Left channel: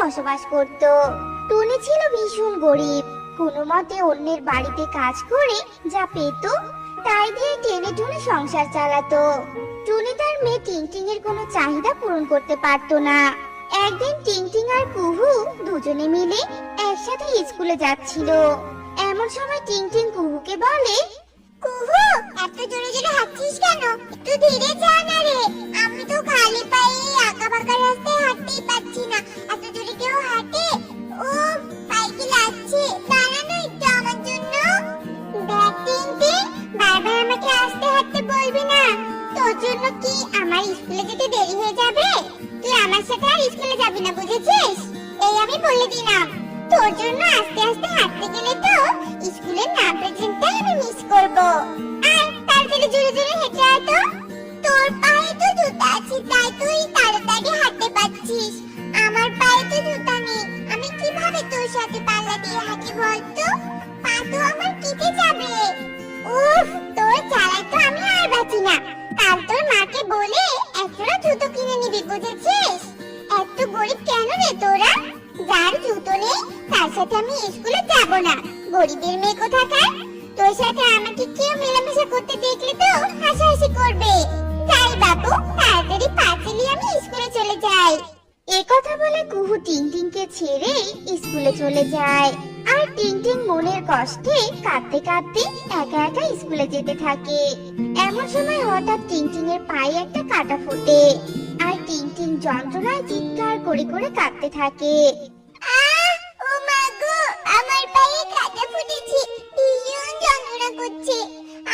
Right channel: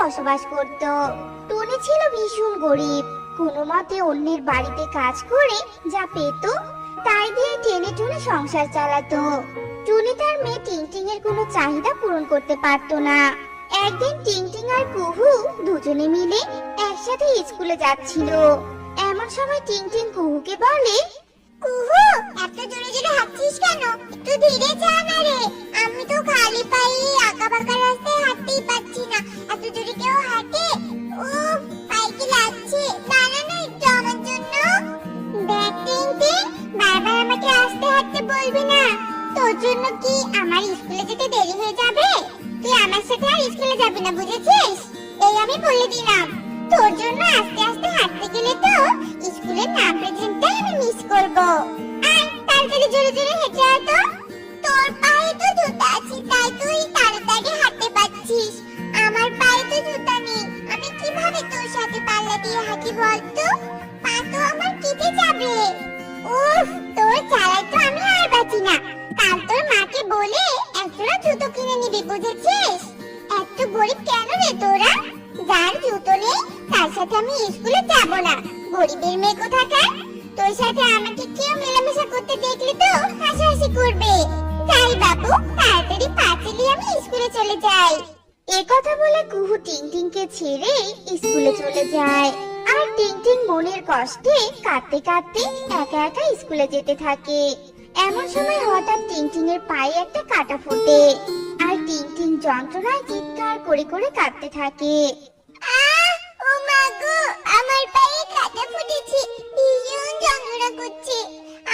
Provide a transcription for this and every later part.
বসবাস করত। টুনি ছিল ভীষণ গরিব। কোনো মতে অন্যের বাড়িতে কাজ করে যা পেত তাই দিয়ে টেনে টুনে সংসার চালাতো। টুনি তার মেয়ে টিংটিং এর কোনো চাহিদা পূরণ করতে পারতো না। একদিন টিংটিং আর কুহু দুজনে মিলে একসাথে স্কুলে যাচ্ছিল। এমন সময় টিংটিং কুহুকে বলে, কুহু, এত জোরে জোরে হাঁটছিস কেন? একটু ধীরে যা না রে। আমি তো খালি পায়ে আঁকা বাঁকা রাস্তায় হাঁটতেই পারছি না। এত জোরে কেউ হাঁটে? ও, পায়ে কি লাগছে? দাঁড়া না একটু আমার জন্য। দেখ টিংটিং, বারবার আমাকে আস্তে হাঁটতে বলবি না। তোর জন্য কি আমার স্কুলে যেতে দেরি হয়ে যাবে? তুই আমার সাথে আর স্কুলে যাবি না, বুঝেছিস? এই আমি বলে দিলাম। তোর জন্য আস্তে আস্তে হাঁটতে গেলে তো স্কুলের না প্রেজেন্টটাই আমি মিস করব। আর তাড়াতাড়ি জোরে জোরে হেঁটে আয় তো। তোর পায়ে তো জুতা আছে তাই তুই তাড়াতাড়ি হাঁটতে পারছিস। আমার পায়ে তো জুতা নেই। আমি কিভাবে তোর সাথে পাল্লা দিয়ে হাঁটি বলতো? পা তো আমার কেটে যাবে। উফ, তোর চালায় তো আমি আর বাঁচি না। কাল তোর মাকে বলে একটা জুতো কিনে নিবি, বুঝেছিস? এত গরিব কেন রে তোরা? যার জুতো নেই তার সাথে আমি স্কুলে যাব না। গরিবের মেয়ে কোথাকার। তোর সাথে আমাকে কেউ মেলামেশা করতে দেখলে তো হাসাহাসি করবে। তাই বাবু, তাড়াতাড়ি পা চালিয়ে আমি স্কুলে চলে যাই। এই কথা বলে কুহু টিংটিংকে ছেড়ে স্কুলে চলে যায়। আর টিংটিং মনের কষ্টে কাঁদতে কাঁদতে একা একা স্কুলে যেতে থাকে। এমন সময় হঠাৎ টিংটিং এর পায়ে একটা কাঁটা ফোটে। আর টিংটিং যন্ত্রণায় চিৎকার করে করে কাঁদতে থাকে। ও মা গো, আমার পায়ে কাঁটা ফুটেছে, ভীষণ যন্ত্রণা করছে।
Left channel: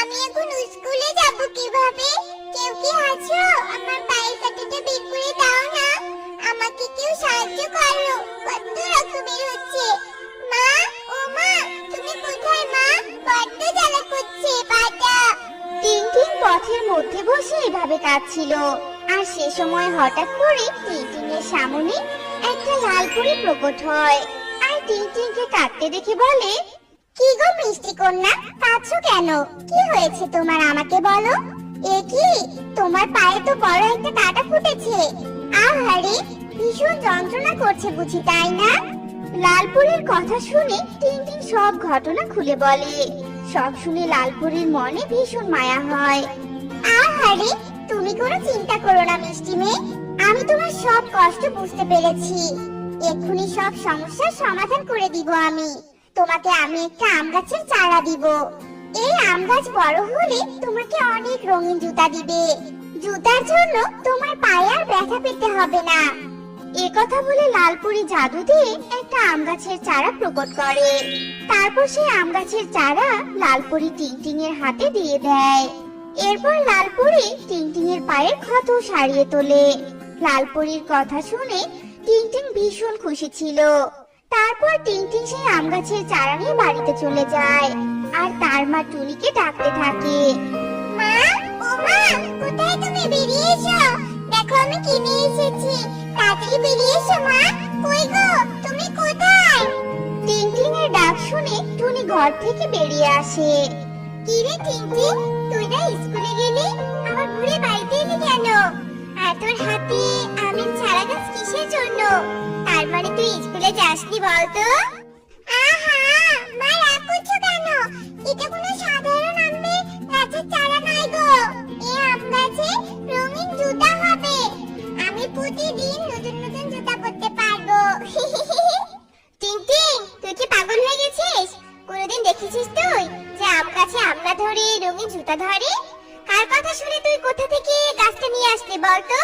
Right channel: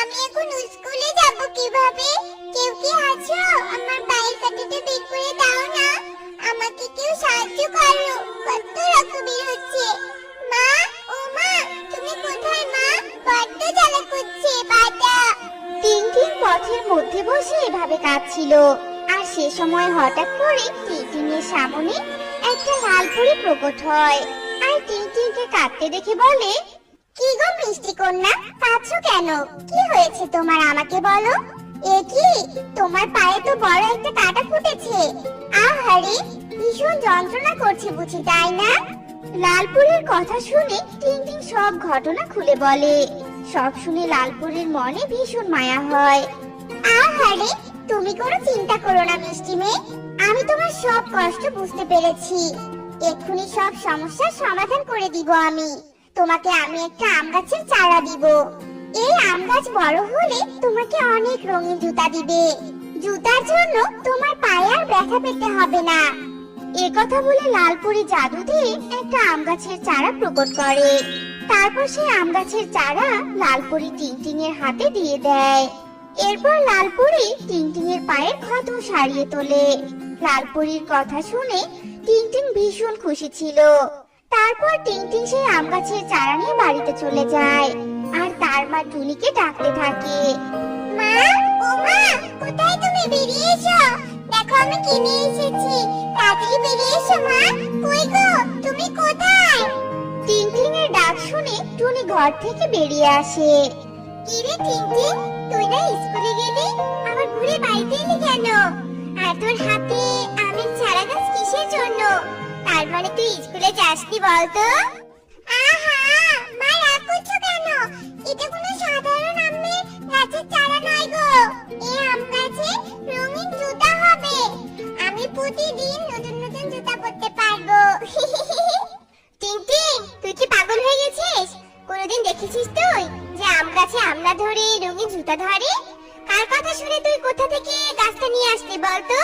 আমি এখন স্কুলে যাব কিভাবে? কেউ কি আছো? আমার পায়ের কাঁটাটা বের করে দাও না। আমাকে কেউ সাহায্য করো, কত রক্ত বের হচ্ছে। মা, ও মা, তুমি কোথায় মা? বড্ড জ্বালা করছে পাটা। টিংটিং পথের মধ্যে বসে এভাবে কাঁদছিল। আর সে সময় হঠাৎ করে টিংটিং এর সামনে একটা লাল পরী প্রকট হয়। আর টিংটিংকে কাঁদতে দেখে বলে, কি গো মিষ্টি কন্যা, কাঁদছো কেন? কি হয়েছে তোমার, আমাকে বলো। এ কি, তোমার পায়ে তো বড় একটা কাঁটা ফুটেছে। আহারে, ভীষণ যন্ত্রণা করছে বুঝি, তাই না? লালপুরীর কথা শুনে টিংটিং সব ঘটনা খুলে বলে। সব শুনে লালপুরীর মনে ভীষণ মায়া হয়। আহারে, তুমি কোনো চিন্তা করো না মিষ্টি মেয়ে, আমি তোমার সব কষ্ট বুঝতে পেরেছি। এক্ষুনি সব সমস্যার সমাধান করে দিব আমি। তোমাকে আমি একটা আম গাছের চারা দিব। এই আম গাছ বড় হলে তোমাকে অনেক রঙিন জুতা দিবে। জুতার জন্য তোমার পায়ে আর ব্যথা পেতে হবে না। এই কথা বলে লালপুরি জাদু দিয়ে একটা আম গাছের চারা প্রকট করে। তারপর সেই আম গাছের চারা লালপুরি টিংটিং এর হাতে দিয়ে দেয়। এরপর লালপুরি টিংটিং এর পায়ের ক্ষত সারিয়ে তোলে। লালপুরির কথা শুনে টিংটিং ভীষণ খুশি ছিল। তারপর টিংটিং সেই আম গাছের চারা নিয়ে বাড়িতে চলে যায়। আর তার মা টুনিকে ডাকতে থাকে, মা, ও মা, কোথায় তুমি? বেরিয়ে এসো, দেখো আমি কি নিয়ে এসেছি। তাড়াতাড়ি বেরিয়ে এসো মা। কই গো, তুমি কোথায়? টিংটিং এর ডাক শুনে টুনি ঘর থেকে বেরিয়ে আসে। কি রে টিংটিং, তুই না স্কুলে গেলি, আমার ঘুরে বাড়িতে এলি কেন? আর তোর হাতে আমের চারা গাছ কিসের জন্য? তার মানে তুই স্কুলে যাসনি বলতো? আহা, মা রাগ করছো কেন? এটা কোনো সাধারণ আমের গাছের চারা নয় গো। এই আম গাছে রঙিন জুতা হবে। আমি প্রতিদিন নতুন নতুন জুতা পরতে পারবো। টিংটিং, তুই কি পাগল হয়ে গেছিস? কোনোদিন দেখেছিস তুই যে আম গাছে আমলা ধরে রঙিন জুতা ধরে? কার কথা শুনে তুই কোথা থেকে গাছটা নিয়ে আসলি বলতো?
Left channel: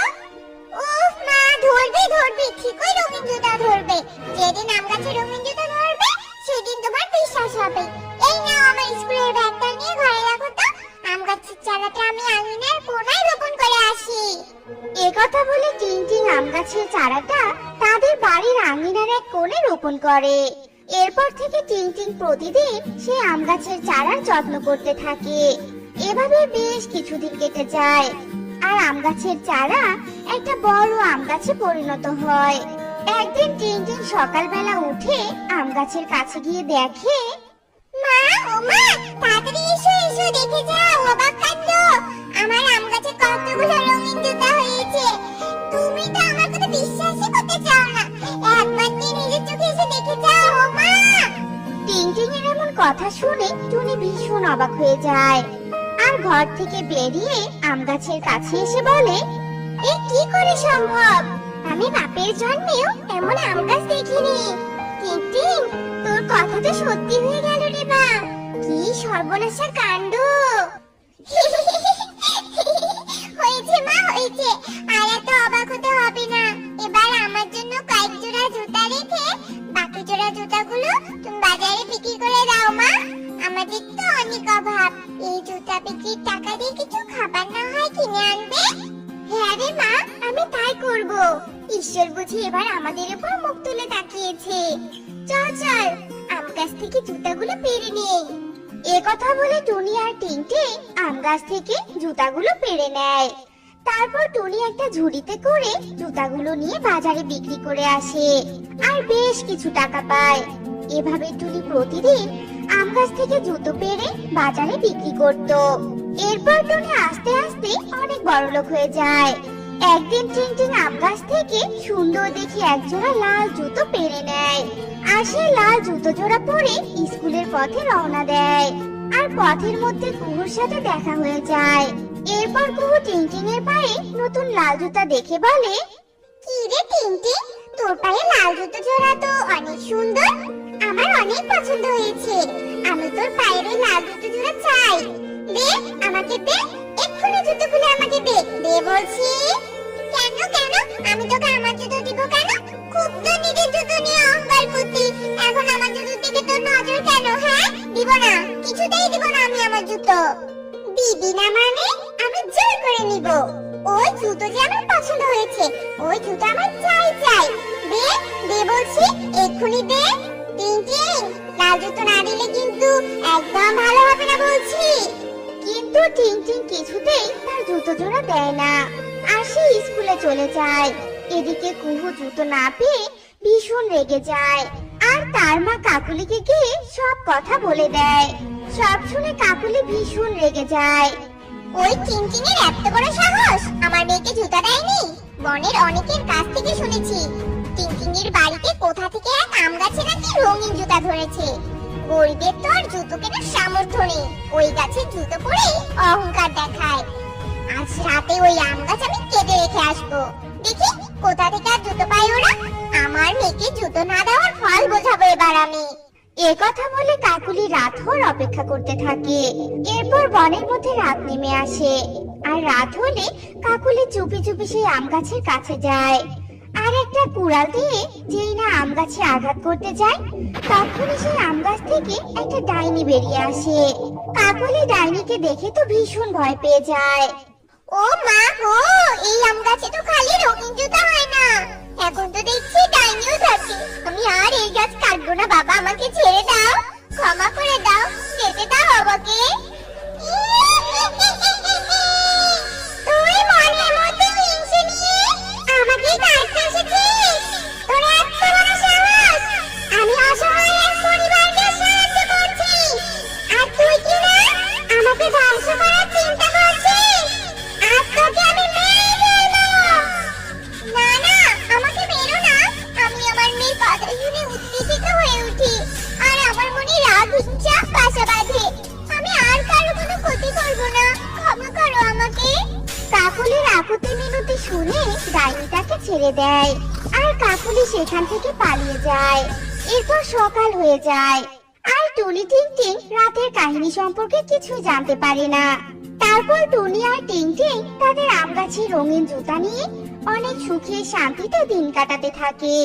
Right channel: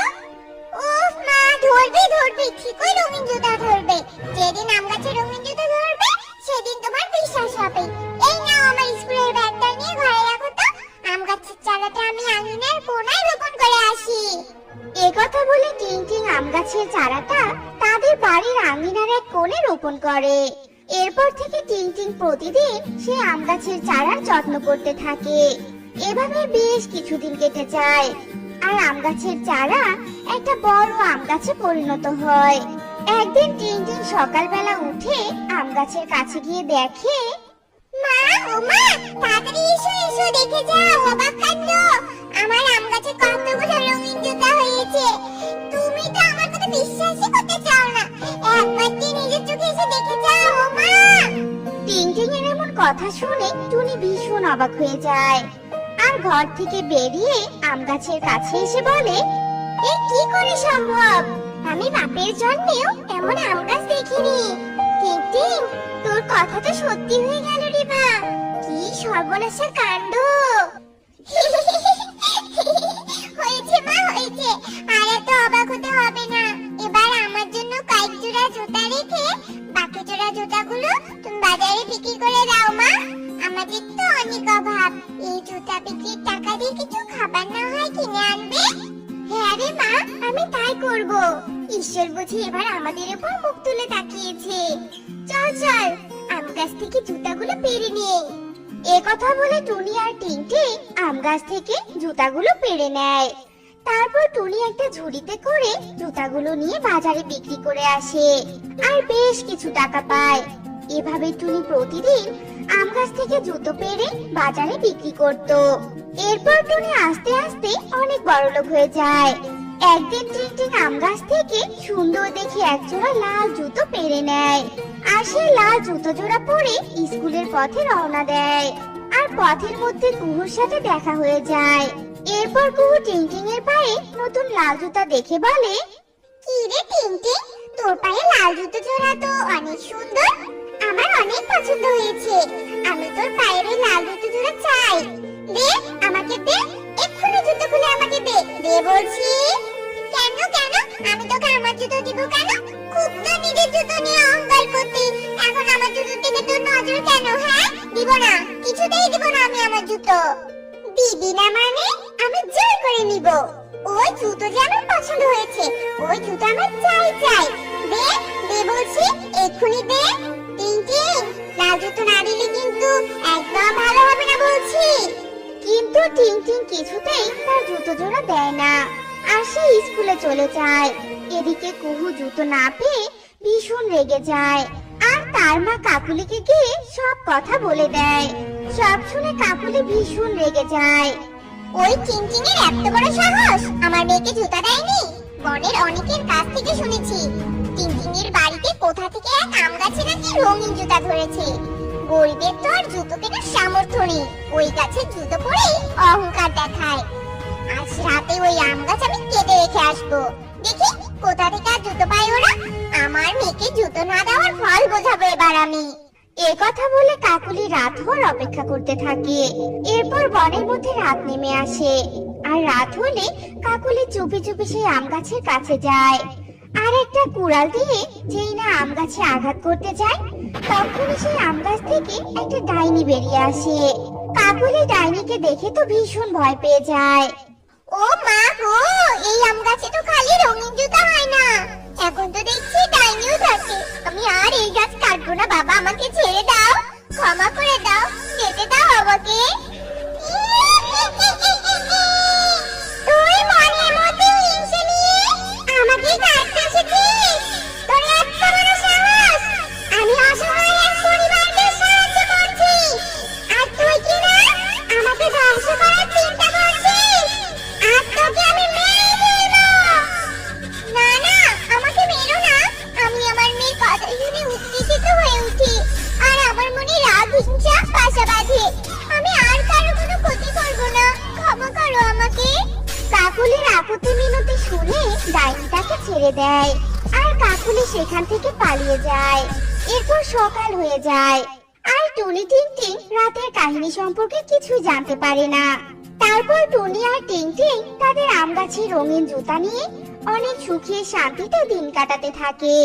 ওহ মা, ধরবে ধরবে, ঠিকই রঙিন জুতা ধরবে। যেদিন আম গাছে রঙিন জুতা ধরবে সেদিন তোমার বিশ্বাস হবে। এই নাও আমার স্কুলের ব্যাগটা নিয়ে ঘরে রাখো তো। আম গাছের চারাটা আমি আঙিনার কোনায় রোপণ করে আসি। এই কথা বলে টিংটিং আম গাছের চারাটা তাদের বাড়ির আঙিনার এক কোণে রোপণ করে। এরপর থেকে টিংটিং প্রতিদিন সেই আম গাছের চারার যত্ন করতে থাকে। এভাবে বেশ কিছুদিন কেটে যায়। আর আম গাছের চারা একটা বড় আম গাছে পরিণত হয়। একদিন টিংটিং সকালবেলা উঠে আম গাছের কাছে গিয়ে দেখে, মা, ও মা, তাড়াতাড়ি এসো এসো, দেখে যাও অবাক কাণ্ড। আমার আম গাছে কতগুলো রঙিন জুতা হয়েছে। তুমি তো আমার কথা বিশ্বাসই করতে চাও না। একবার কথা শুনে টুনি ভীষণ অবাক হয়ে যায় আর ঘর থেকে বেরিয়ে আম গাছের কাছে এসে বলে, এ কি করে সম্ভব? আমি বাপের জন্মেও এমন আম গাছ দেখিনি। টিং, তোর কথা তো সত্যি হয়ে গেল রে মা। কি সর্বনাশা কাণ্ড! হয়েছে মা, হয়েছে। আর এত অবাক হতে হবে না। এবার আমার জন্য কয়েক জোড়া জুতা রেখে বাকি জোড়া জুতাগুলো তুমি বাজারে বিক্রি করে দাও মা। আমাদের তো অনেক অভাব। এই জুতা বিক্রির টাকা দিয়ে কিছু খাবার না হয় কিনে আনবে? হ্যাঁ রে মা, আমি তাই করব। ঈশ্বর বুঝি এবার আমাদের উপর মুখ তুলে তাকিয়েছে। চল চল, আম গাছ থেকে জুতাগুলো পেরে নেই। এই কথা বলে টুনি আর টিংটিং আম গাছ থেকে জুতাগুলো পেরে নেয়। তারপর টুনি একটা ঝুড়িতে করে জুতাগুলো নিয়ে বাজারে বিক্রি করে আসে আর বেশ কিছু টাকা পায়। এভাবে টুনি প্রতিদিন আম গাছ থেকে জুতো পেরে বাজারে বিক্রি করত। এরপর টুনি আস্তে আস্তে অনেক বড়লোক হয়ে যায়। একদিন টিংটিং আম গাছ থেকে সুন্দর দেখে একজোড়া লাল জুতো পেরে নেয় আর সেই লাল জুতো জোড়া পরে স্কুলের পথে রওনা দেয়। আর পথের মধ্যে কুহুর সাথে দেখা হয়ে যায়। এরপর কুহু টিংটিং এর পায়ে নতুন লাল জুতা দেখে বলে, কি রে টিংটিং, তোর পায়ে লাল জুতো জোড়া তো অনেক সুন্দর। আমার অনেক পছন্দ হয়েছে। আমি তোর পায়ের ওই লাল জুতো জোড়া চাই। দে আমাকে দে, এক্ষুনি জুতো খুলে আমাকে দে, দে বলছি। কেন কেন, আমি তোকে আমার জুতো দিব কেন? খুব তো নিজের জুতো নিয়ে অহংকার করতি, এখন আমার জুতো থেকে তোর নজর কেন? হ্যাঁ, দিব না, কিছুতেই দিব না আমি আমার জুতো। দিবি না মানে? আমি জোর করে নিব। ওই জুতো যে আমার পছন্দ হয়েছে, ওই জুতো আমার চাই চাই। দে দে বলছি, এক্ষুনি দে। টিংটিং, লাল জুতো না দিলে কিন্তু একদম ভালো হবে না বলছি। কিন্তু টিংটিং কিছুতেই তার জুতো জোড়া দেয় না আর সে স্কুলে চলে যায়। এদিকে কুহু জুতো না পেয়ে ভীষণ রেগে যায় আর তার মা কাকুলিকে গিয়ে সব কথা বলে দেয়। সব শুনে কাকুলি ভীষণ রেগে যায়। ওই টিংটিং এর এত বড় সাহস আমার মেয়েকে জুতা দেয়নি? বনের অনেকের কাছ থেকে শুনেছি টিংটিং এর বাড়িতে কোথা থেকে এক আম গাছে নাকি রঙিন জুতা ধরেছে। গরিবের তো আর জুতো কেনার সামর্থ্য নেই, ওই গাছে জুতো পরে অহংকার দেখায়। আজ রাতে ওই আম গাছ আমি কেটে রেখে আসবো, দেখি কোথা থেকে আর জুতো পায় ওরা। আমার মেয়েকে জুতো না দেওয়ার ফল বোঝাবো এবার আমি। কথা বলে কাকুলি রাত হওয়ার অপেক্ষা করতে থাকে। এরপর বনের মধ্যে রাত নেমে আসে আর রাত হলে কাকুলি চুপি চুপি সেই আম গাছের কাছে যায় আর একটা কুড়াল দিয়ে যেই না আম গাছে আঘাত করতে যায় তখনই সেই আম গাছ থেকে একটা ডাইনি বেরিয়ে আসে। কাকুলি ডাইনিকে দেখে তো ভীষণ ভয় পেয়ে যায়। ও মা গো, এই আম গাছে তো খালি রঙিন জুতা হয় না, এখন তো দেখছি ডাইনিও থাকে। আমি আর এই গাছ কাটবো না বাবা, আমাকে ছেড়ে দাও, ক্ষমা করে দাও, যেতে দাও আমাকে। তুই মনের মধ্যে হিংসে নিয়ে আমাকে কাটতে এসেছিস? তোর এত বড় সাহস! আমি অসহায় এক পরিবারকে সাহায্য করছি আর তুই কি না আমাকে ধ্বংস করার চিন্তা করছিস? আজ তোকে আমি মেরে ফেলবো। না না, আমাকে মেরো না। আমি আমার মেয়ের কথা শুনে উত্তেজিত হয়ে উঠি আর আমার মনে রাগ হিংসা বাসা বাঁধে। আমি আর কারো কোনো ক্ষতি করবো না, ক্ষমা করো আমাকে। কাকুলির আকুতি মিনতি শুনে ডাইনি তাকে ছেড়ে দেয় আর কাকুলি সেখান থেকে পালিয়ে যায়। এরপর সকাল হয়ে যায় আর টুনি টিংটিং রাতের কাহিনী সম্পর্কে কিছু জানতে পারে না। তারপর টুনি আর টিংটিং তাদের আম গাছের রঙিন জুতা নিয়ে অনেক সুখে শান্তিতে দিন কাটাতে থাকে।